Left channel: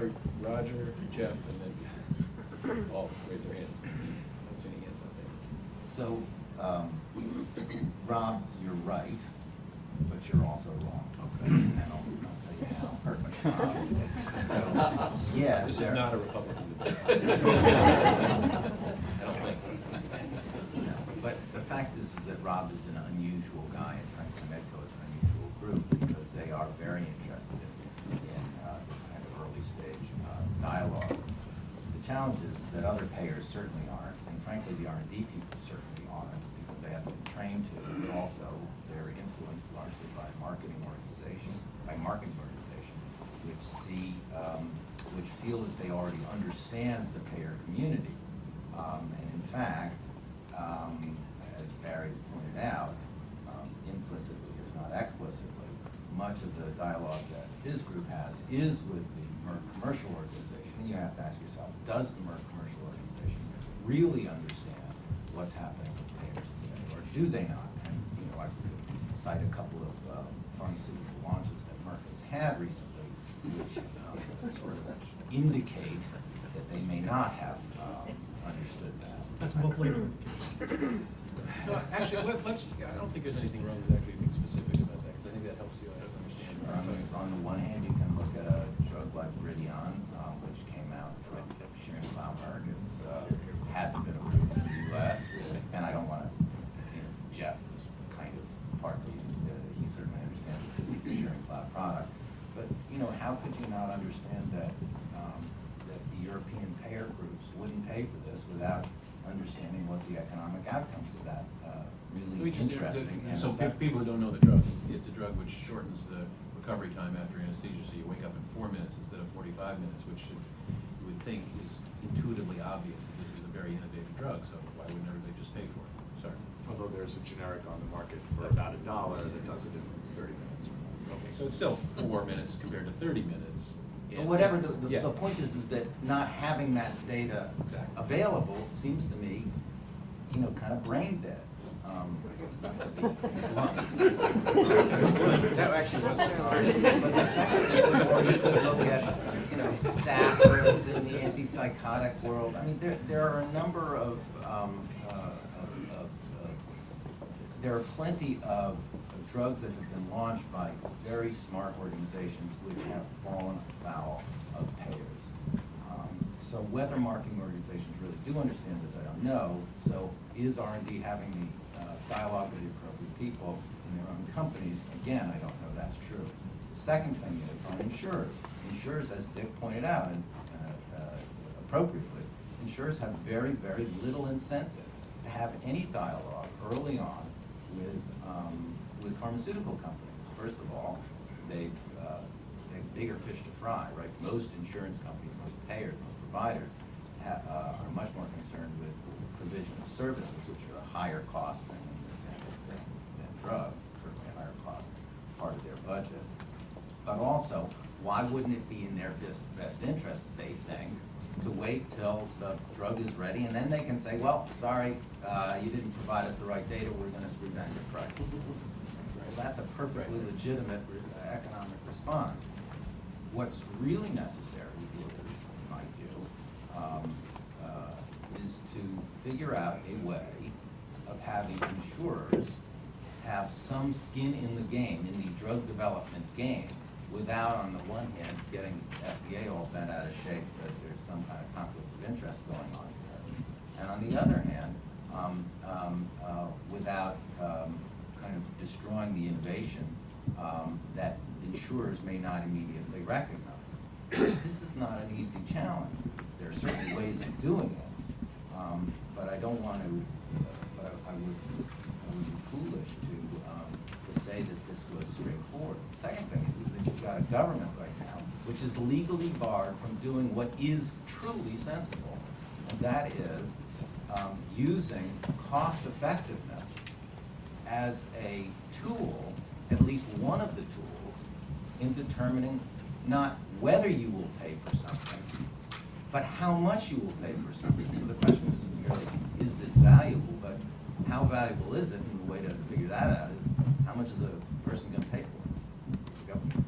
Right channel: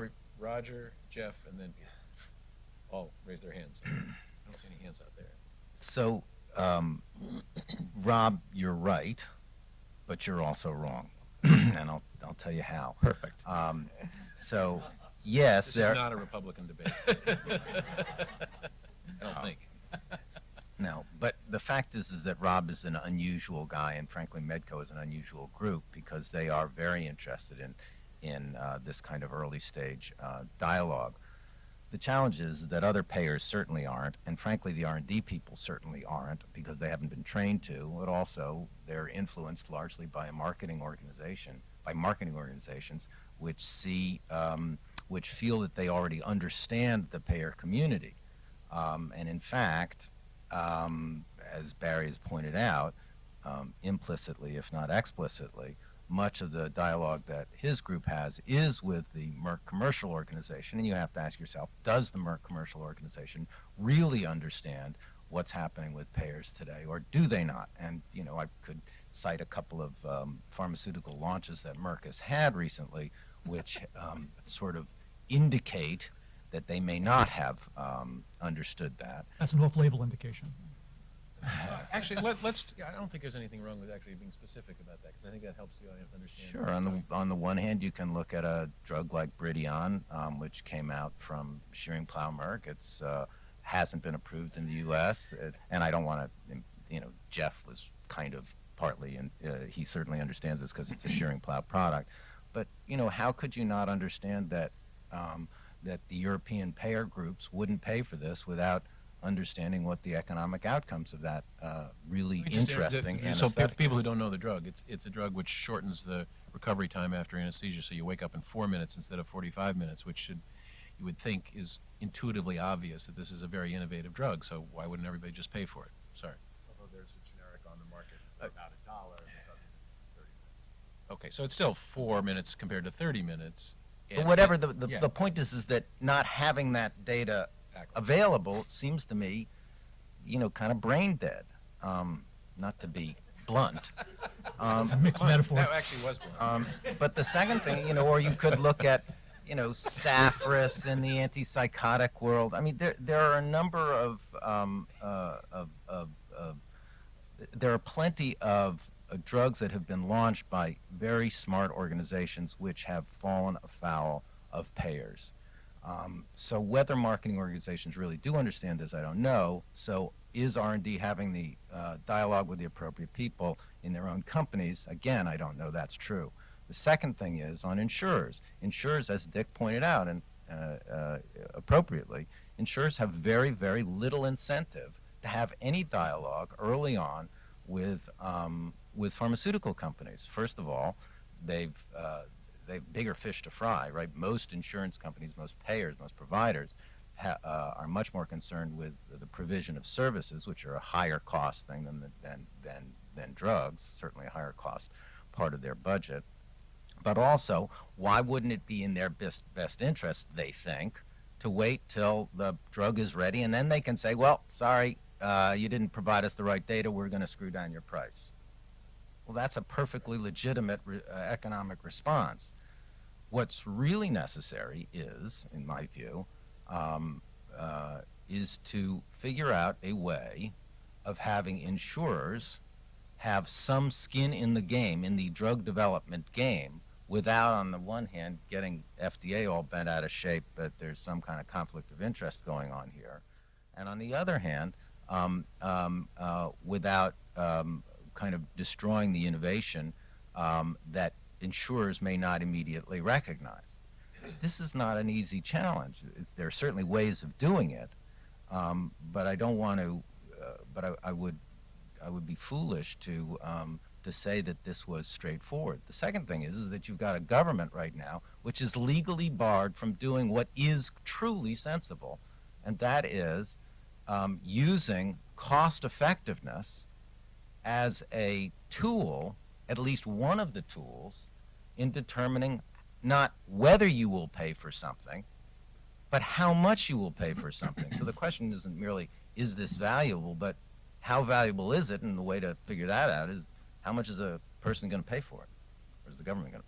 heard Roger, Jeff, and then all raise their hands. I don't see any hands out there. So, Rob, you're right, but you're also wrong. Okay. And I'll tell you how. Perfect. So, yes, This there. is not a Republican debate. I don't think. No, but the fact is that Rob is an unusual guy, and frankly, Medco is an unusual group because they are very interested in this kind of early stage dialogue. The challenge is that other payers certainly aren't, and frankly, the R&D people certainly aren't because they haven't been trained to, but also they're influenced largely by marketing organizations, which feel that they already understand the payer community. And in fact, as Barry has pointed out, implicitly, if not explicitly, much of the dialogue that his group has is with the Merck commercial organization, and you have to ask yourself, does the Merck commercial organization really understand what's happening with payers today, or do they not? And, you know, I could cite a couple of pharmaceutical launches that Merck has had recently, which sort of indicate that they may not have understood that. That's an off-label indication. Well, actually, let's. I don't think there's anything wrong with actually being specific about that, because I think that helps you understand. Sure. On the one hand, you can look at a drug like Bridion, which came out from Schering-Plough Merck. It's hasn't been approved in the U.S., and I don't want to. You know, Jeff was kind of partly, and he certainly understands this because it's a Schering-Plough product. But you know, how could you not understand that that the European payer groups wouldn't pay for this without understanding what the economic outcomes of that really interesting. So people who don't know the drug, it's a drug which shortens the recovery time after anesthesia, so you wake up in 4 minutes instead of 45 minutes, which you would think is intuitively obvious that this is a very innovative drug, so why wouldn't everybody just pay for it? Sorry. Although there's a generic on the market for about $1 that does it in 30 minutes. Okay, so it's still 4 minutes compared to 30 minutes. But whatever, the point is that not having that data available seems to me, you know, kind of brain dead. Not to be blunt. That actually wasn't. But the second thing, you know, or you could look at, you know, Saffris in the antipsychotic world. I mean, there are a number of there are plenty of drugs that have been launched by very smart organizations which have fallen afoul of payers. So whether marketing organizations really do understand this, I don't know. So is R&D having the dialogue with the appropriate people in their own companies? Again, I don't know that's true. The second thing is on insurers. Insurers, as Dick pointed out, and appropriately, insurers have very, very little incentive to have any dialogue early on with pharmaceutical companies. First of all, they've bigger fish to fry, right? Most insurance companies, most payers, most providers are much more concerned with the provision of services, which are a higher cost thing than drugs, certainly a higher cost part of their budget. But also, why wouldn't it be in their best interest, they think, to wait till the drug is ready, and then they can say, well, sorry, you didn't provide us the right data, we're going to screw down your price. Well, that's a perfectly legitimate economic response. What's really necessary is, in my view, is to figure out a way of having insurers have some skin in the game, in the drug development game, without, on the one hand, getting FDA all bent out of shape that there's some kind of conflict of interest going on here. And on the other hand, without kind of destroying the innovation that insurers may not immediately recognize. This is not an easy challenge. There are certainly ways of doing it, but I don't want to. But I would be foolish to say that this was straightforward. The second thing is that you've got a government right now which is legally barred from doing what is truly sensible, and that is using cost effectiveness as a tool, at least one of the tools, in determining not whether you will pay for something, but how much you will pay for something. So the question isn't merely, is this valuable, but how valuable is it? And the way to figure that out is, how much is a person going to pay for it? The government.